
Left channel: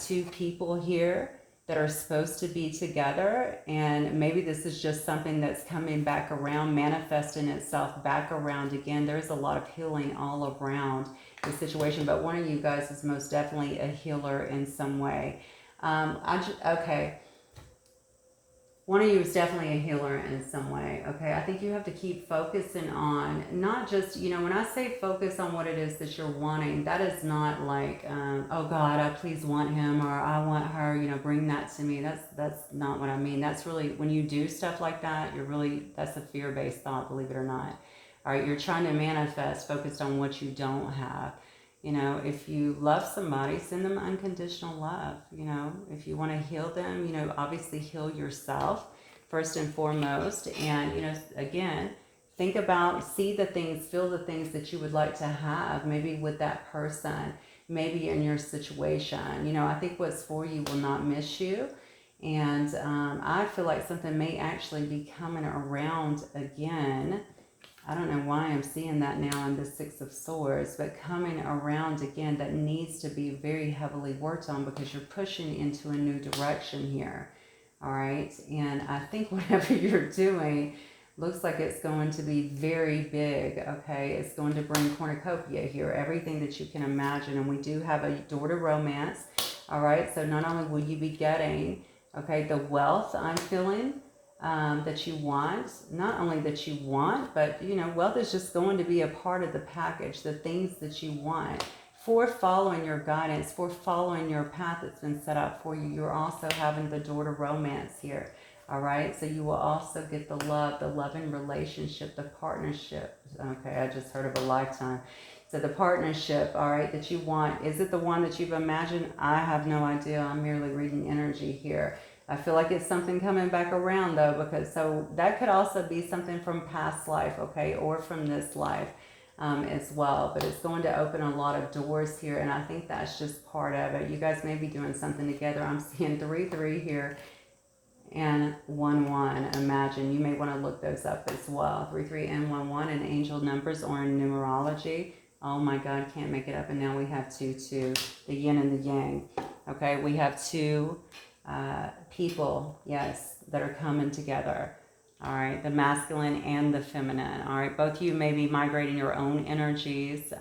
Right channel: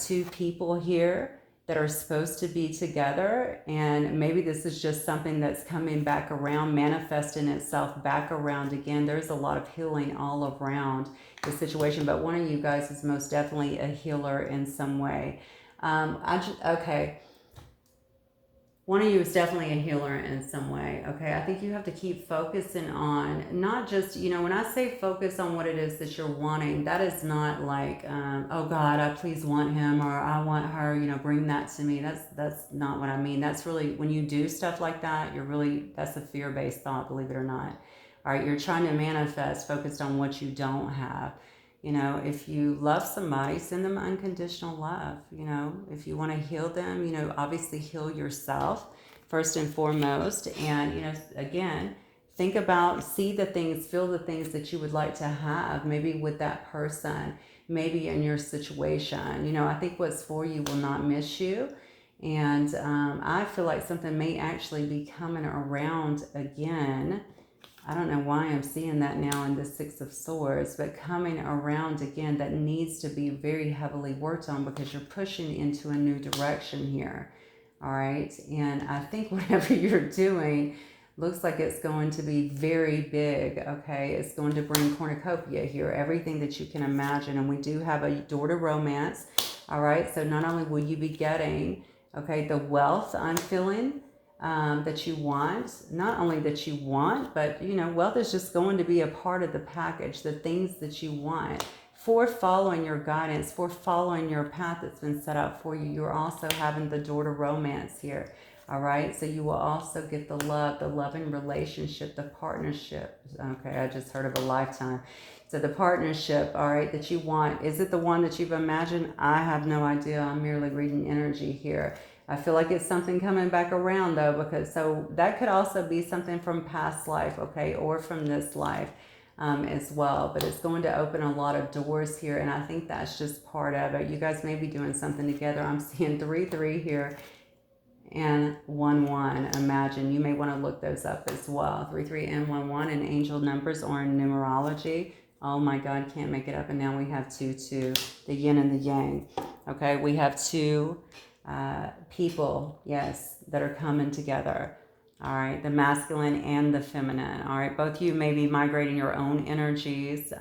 two people here that are supposed to be together, and maybe this is just something that's coming back around, manifesting itself back around again. There's a lot of healing all around the situation, but one of you guys is most definitely a healer in some way. Okay. One of you is definitely a healer in some way, okay? I think you have to keep focusing on, not just, you know, when I say focus on what it is that you're wanting, that is not like, oh God, I please want him, or I want her, you know, bring that to me. That's not what I mean. That's really, when you do stuff like that, that's a fear-based thought, believe it or not. All right, you're trying to manifest focused on what you don't have. You know, if you love somebody, send them unconditional love. You know, if you want to heal them, you know, obviously heal yourself first and foremost. And, you know, again, think about, see the things, feel the things that you would like to have, maybe with that person, maybe in your situation. You know, I think what's for you will not miss you. And I feel like something may actually be coming around again. I don't know why I'm seeing that now in the Six of Swords, but coming around again, that needs to be very heavily worked on because you're pushing into a new direction here. All right. And I think whatever you're doing looks like it's going to be very big. Okay. It's going to bring cornucopia here, everything that you can imagine. And we do have a door to romance. All right. So not only will you be getting, okay, the wealth I'm feeling, that you want, not only that you want, but, you know, wealth is just going to be a part of the package, the things that you want for following your guidance, for following your path that's been set out for you. You're also having the door to romance here. All right. So you will also get the loving relationship, the partnership. Okay. I just heard of a lifetime. So the partnership, all right, that you want, is it the one that you've imagined? I have no idea. I'm merely reading energy here. I feel like it's something coming back around though, because so that could also be something from past life, okay, or from this life as well. But it's going to open a lot of doors here, and I think that's just part of it. You guys may be doing something together. I'm seeing 3-3 here and 1-1. Imagine, you may want to look those up as well. 3-3 and 1-1 in angel numbers or in numerology. Oh my God, can't make it up. And now we have 2-2, the yin and the yang. Okay, we have two people, yes, that are coming together. All right, the masculine and the feminine. All right, both of you may be migrating your own energies.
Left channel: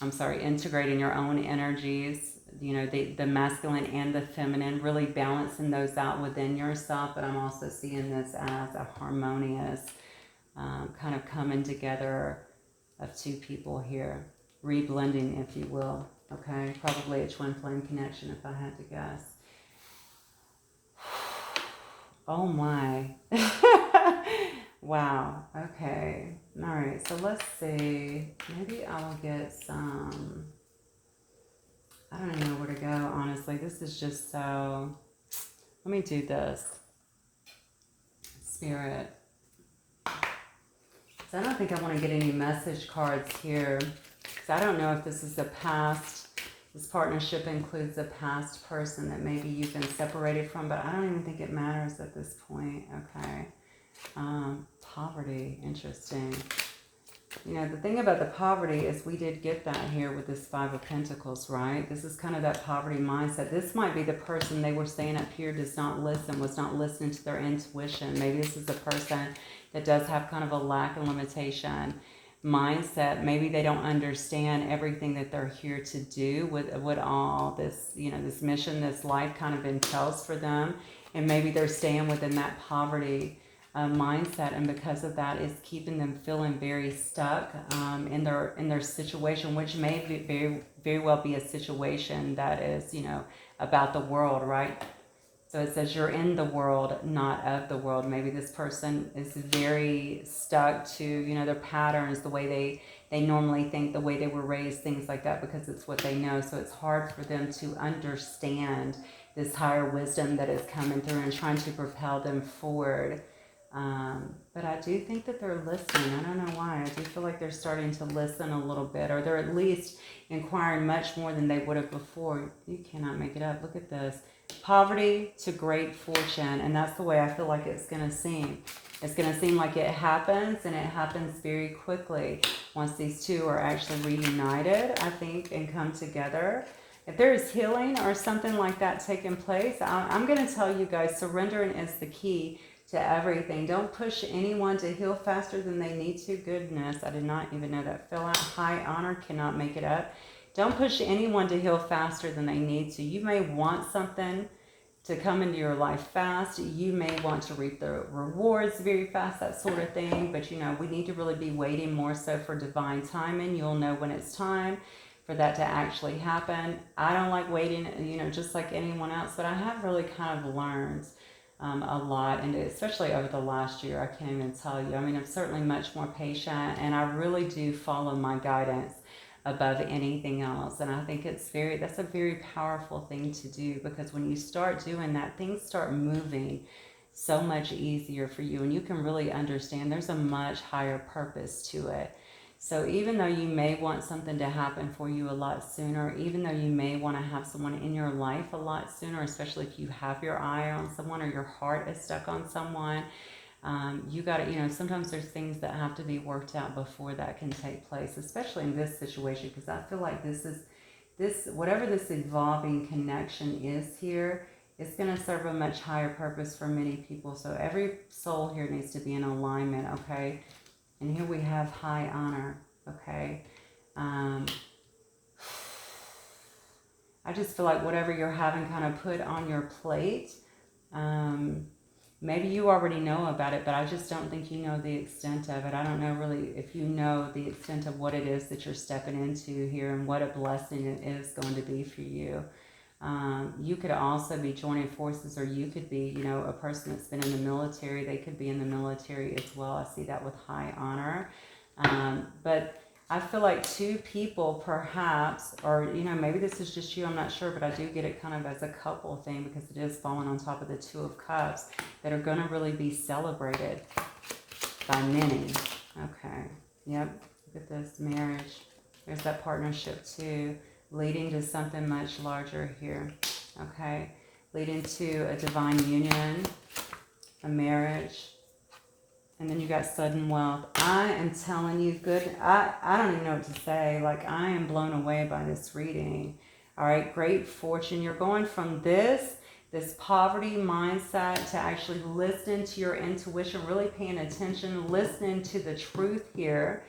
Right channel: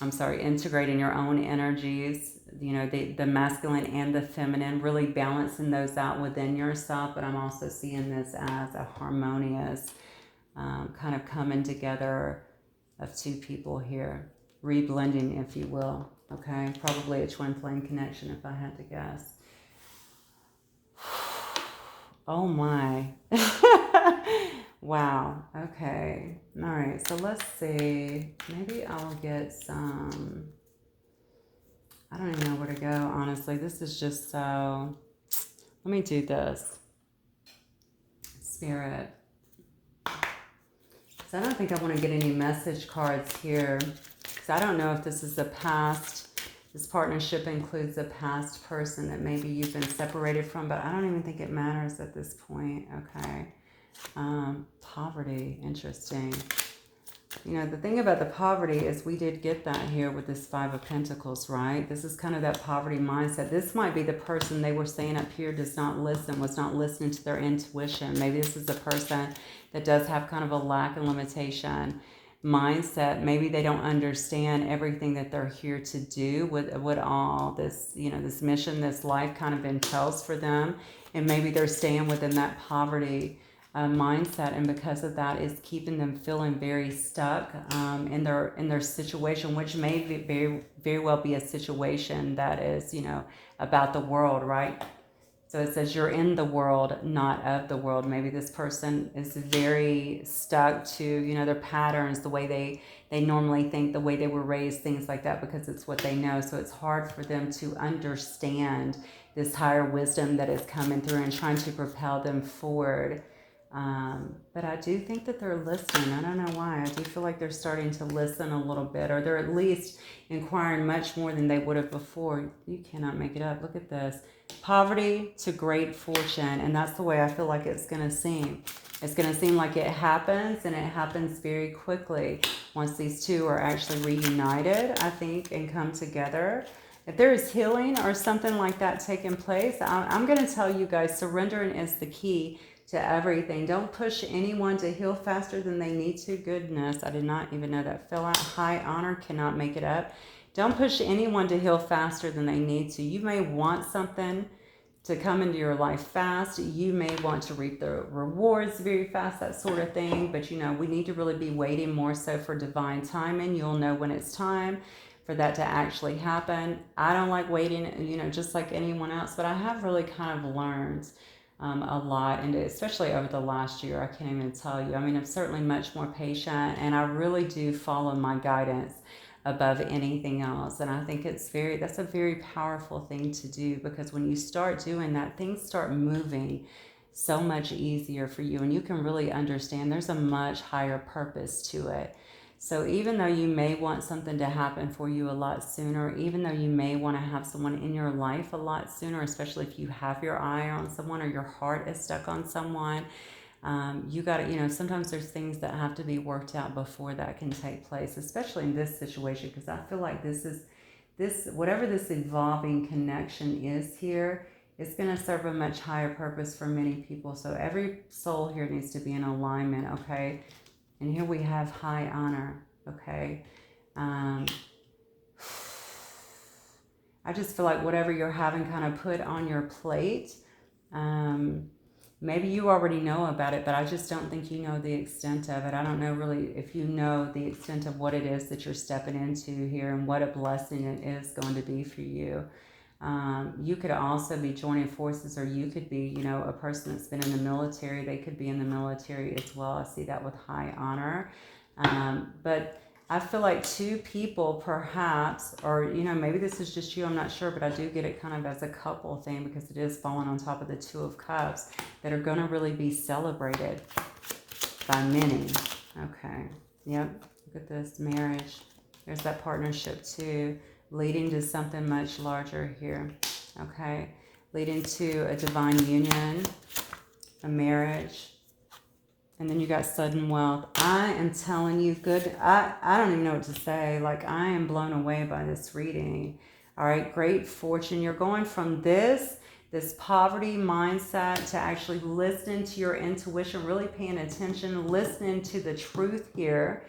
Integrating your own energies. You know, the masculine and the feminine, really balancing those out within yourself. But I'm also seeing this as a harmonious kind of coming together of two people here, reblending, if you will. Okay, probably a twin flame connection if I had to guess. Oh my. Wow. Okay. All right. So let's see. Maybe I'll get some. I don't know where to go, honestly. This is just so. Let me do this. Spirit. So I don't think I want to get any message cards here. I don't know if this is the past. This partnership includes a past person that maybe you've been separated from, but I don't even think it matters at this point. Okay. Poverty. Interesting. You know, the thing about the poverty is we did get that here with this Five of Pentacles, right? This is kind of that poverty mindset. This might be the person they were saying up here does not listen, was not listening to their intuition. Maybe this is the person, that does have kind of a lack and limitation mindset. Maybe they don't understand everything that they're here to do, with what all this, this mission, this life kind of entails for them. And maybe they're staying within that poverty mindset, and because of that, is keeping them feeling very stuck in their situation, which may be very well be a situation that is, about the world, right? So it says you're in the world, not of the world. Maybe this person is very stuck to, their patterns, the way they normally think, the way they were raised, things like that, because it's what they know. So it's hard for them to understand this higher wisdom that is coming through and trying to propel them forward. But I do think that they're listening. I don't know why. I do feel like they're starting to listen a little bit, or they're at least inquiring much more than they would have before. You cannot make it up. Look at this. Poverty to great fortune. And that's the way I feel like it's going to seem. It's going to seem like it happens, and it happens very quickly once these two are actually reunited, I think, and come together. If there is healing or something like that taking place, I'm going to tell you guys, surrendering is the key to everything. Don't push anyone to heal faster than they need to. Goodness, I did not even know that fell out. High honor, cannot make it up. Don't push anyone to heal faster than they need to. You may want something to come into your life fast. You may want to reap the rewards very fast, that sort of thing. But, we need to really be waiting more so for divine timing. You'll know when it's time for that to actually happen. I don't like waiting, just like anyone else. But I have really kind of learned a lot, and especially over the last year, I can't even tell you. I mean, I'm certainly much more patient, and I really do follow my guidance above anything else. And I think that's a very powerful thing to do, because when you start doing that, things start moving so much easier for you, and you can really understand there's a much higher purpose to it. So even though you may want something to happen for you a lot sooner, even though you may want to have someone in your life a lot sooner, especially if you have your eye on someone or your heart is stuck on someone, you got to, sometimes there's things that have to be worked out before that can take place, especially in this situation, because I feel like whatever this evolving connection is here, it's going to serve a much higher purpose for many people. So every soul here needs to be in alignment, okay? And here we have high honor, okay? I just feel like whatever you're having kind of put on your plate, maybe you already know about it, but I just don't think you know the extent of it. I don't know really if you know the extent of what it is that you're stepping into here, and what a blessing it is going to be for you. You could also be joining forces, or you could be, a person that's been in the military. They could be in the military as well. I see that with high honor. But I feel like two people perhaps, or, maybe this is just you, I'm not sure, but I do get it kind of as a couple thing, because it is falling on top of the Two of Cups, that are going to really be celebrated by many. Okay. Yep. Look at this marriage. There's that partnership too, leading to something much larger here. Okay. Leading to a divine union, a marriage. And then you got sudden wealth. I am telling you, good. I don't even know what to say. Like, I am blown away by this reading. All right, great fortune. You're going from this poverty mindset to actually listening to your intuition, really paying attention, listening to the truth here.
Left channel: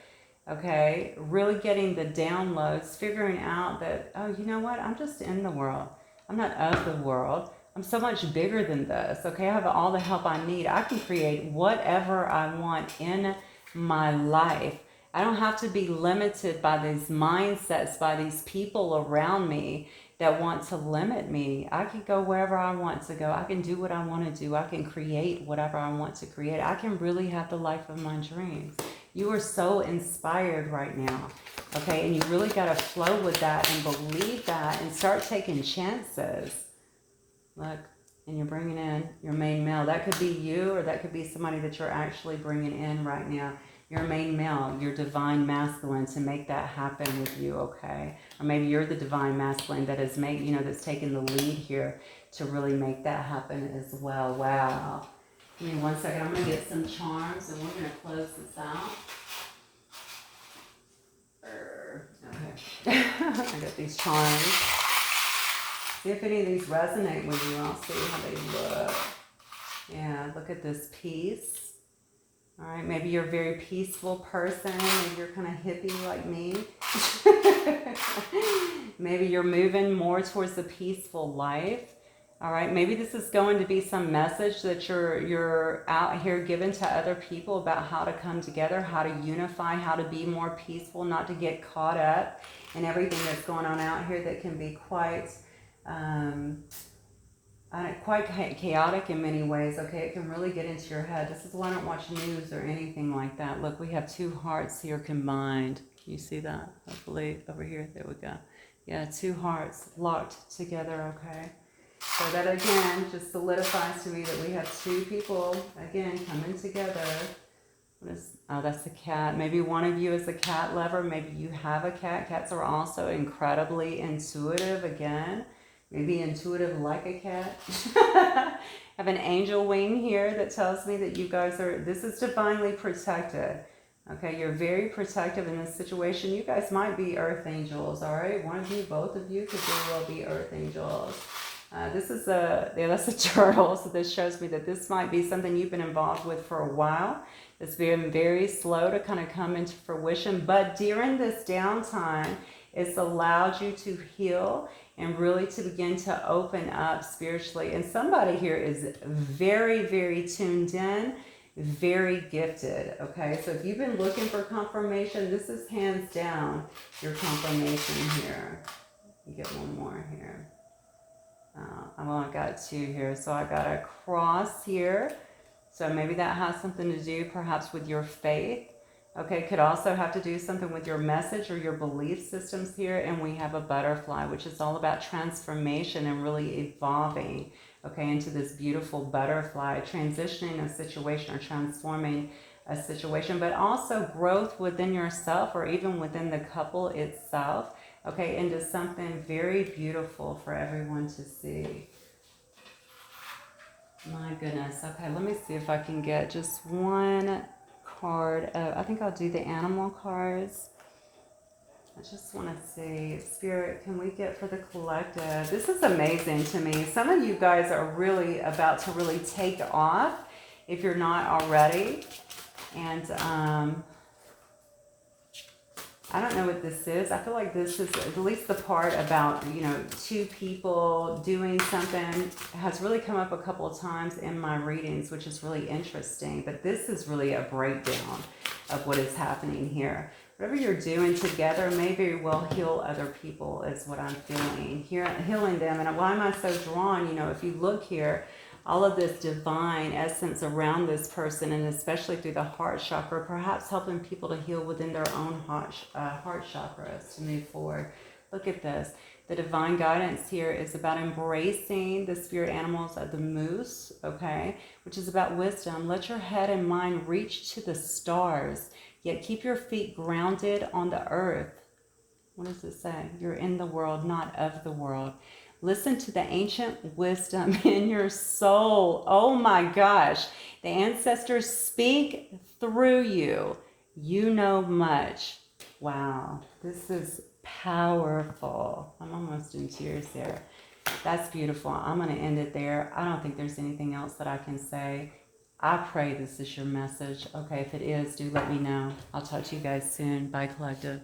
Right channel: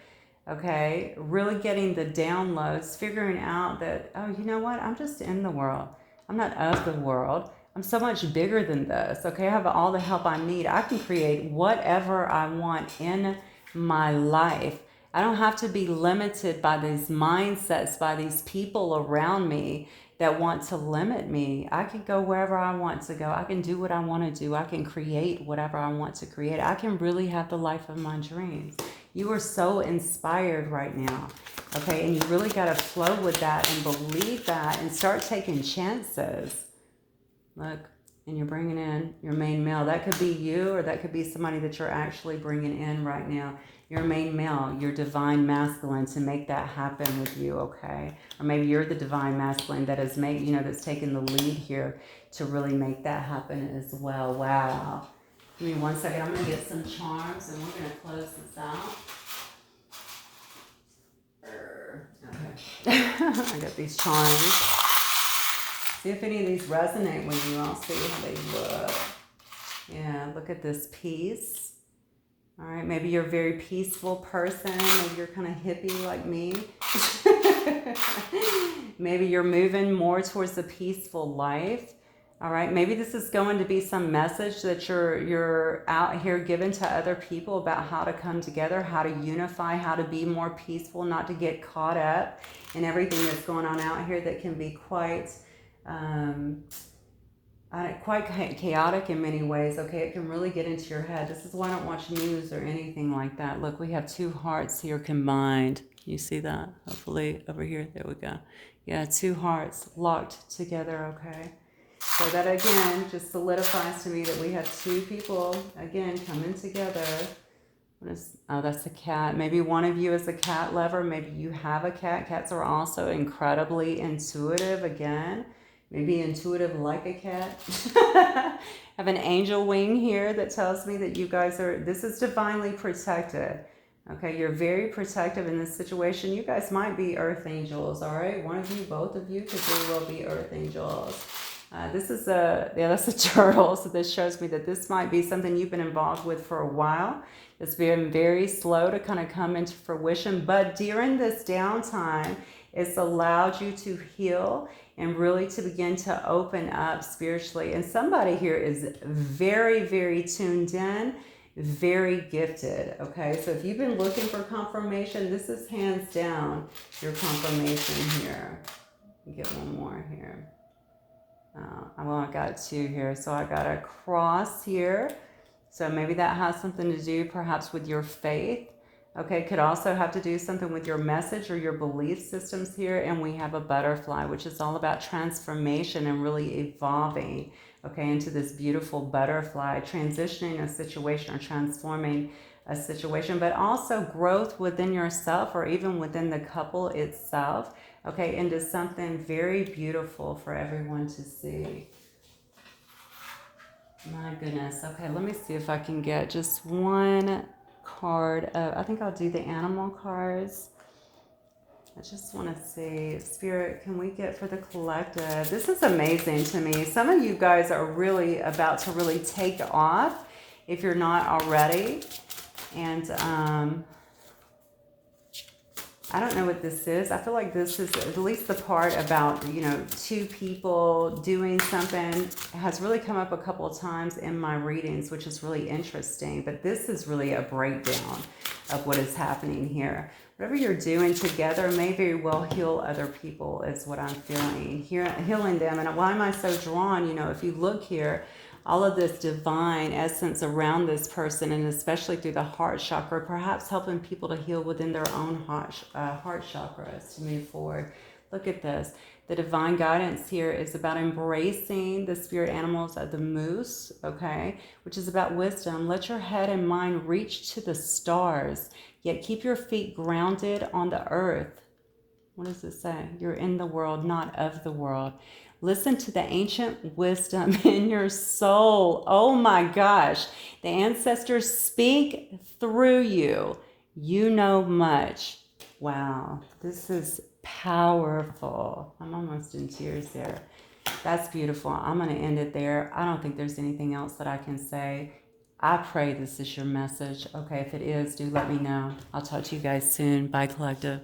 Okay, really getting the downloads, figuring out that, oh, you know what? I'm just in the world. I'm not of the world. I'm so much bigger than this, okay? I have all the help I need. I can create whatever I want in my life. I don't have to be limited by these mindsets, by these people around me that want to limit me. I can go wherever I want to go. I can do what I want to do. I can create whatever I want to create. I can really have the life of my dreams. You are so inspired right now, okay? And you really got to flow with that and believe that and start taking chances. Look, and you're bringing in your main male. That could be you, or that could be somebody that you're actually bringing in right now. Your main male, your divine masculine, to make that happen with you, okay? Or maybe you're the divine masculine that is that's taking the lead here to really make that happen as well. Wow. Give me 1 second. I'm going to get some charms, and we're going to close this out. Okay. I got these charms. See if any of these resonate with you. I'll see how they look. Yeah, look at this piece. All right, maybe you're a very peaceful person. Maybe you're kind of hippie like me. Maybe you're moving more towards a peaceful life. All right, maybe this is going to be some message that you're out here giving to other people about how to come together, how to unify, how to be more peaceful, not to get caught up in everything that's going on out here that can be quite chaotic in many ways. Okay, it can really get into your head. This is why I don't watch news or anything like that. Look, we have two hearts here combined. You see that? Hopefully over here. There we go. Yeah, two hearts locked together. Okay, so that again just solidifies to me that we have two people again coming together. Oh, that's a cat. Maybe one of you is a cat lover. Maybe you have a cat. Cats are also incredibly intuitive again. Maybe intuitive like a cat. I have an angel wing here that tells me that you guys this is divinely protected. Okay, you're very protective in this situation. You guys might be earth angels, all right? One of you, both of you could very well be earth angels. This is that's a turtle. So this shows me that this might be something you've been involved with for a while. It's been very slow to kind of come into fruition. But during this downtime, it's allowed you to heal and really to begin to open up spiritually. And somebody here is very, very tuned in, very gifted. Okay, so if you've been looking for confirmation, this is hands down your confirmation here. Get one more here. I've only got two here, so I got a cross here. So maybe that has something to do perhaps with your faith. Okay, could also have to do something with your message or your belief systems here. And we have a butterfly, which is all about transformation and really evolving, okay, into this beautiful butterfly, transitioning a situation or transforming a situation, but also growth within yourself or even within the couple itself, okay, into something very beautiful for everyone to see. My goodness. Okay, let me see if I can get just one card. I think I'll do the animal cards. I just want to see, Spirit, can we get for the collective? This is amazing to me. Some of you guys are really about to really take off if you're not already. And I don't know what this is. I feel like this is at least the part about, you know, two people doing something has really come up a couple of times in my readings, which is really interesting. But this is really a breakdown of what is happening here. Whatever you're doing together may very well heal other people is what I'm feeling. Here, healing them. And why am I so drawn? You know, if you look here, all of this divine essence around this person, and especially through the heart chakra, perhaps helping people to heal within their own heart chakras to move forward. Look at this. The divine guidance here is about embracing the spirit animals of the moose, okay, which is about wisdom. Let your head and mind reach to the stars, yet keep your feet grounded on the earth. What does it say? You're in the world, not of the world. Listen to the ancient wisdom in your soul. Oh my gosh. The ancestors speak through you. You know much. Wow. This is powerful. I'm almost in tears there. That's beautiful. I'm going to end it there. I don't think there's anything else that I can say. I pray this is your message. Okay, if it is, do let me know. I'll talk to you guys soon. Bye, collective.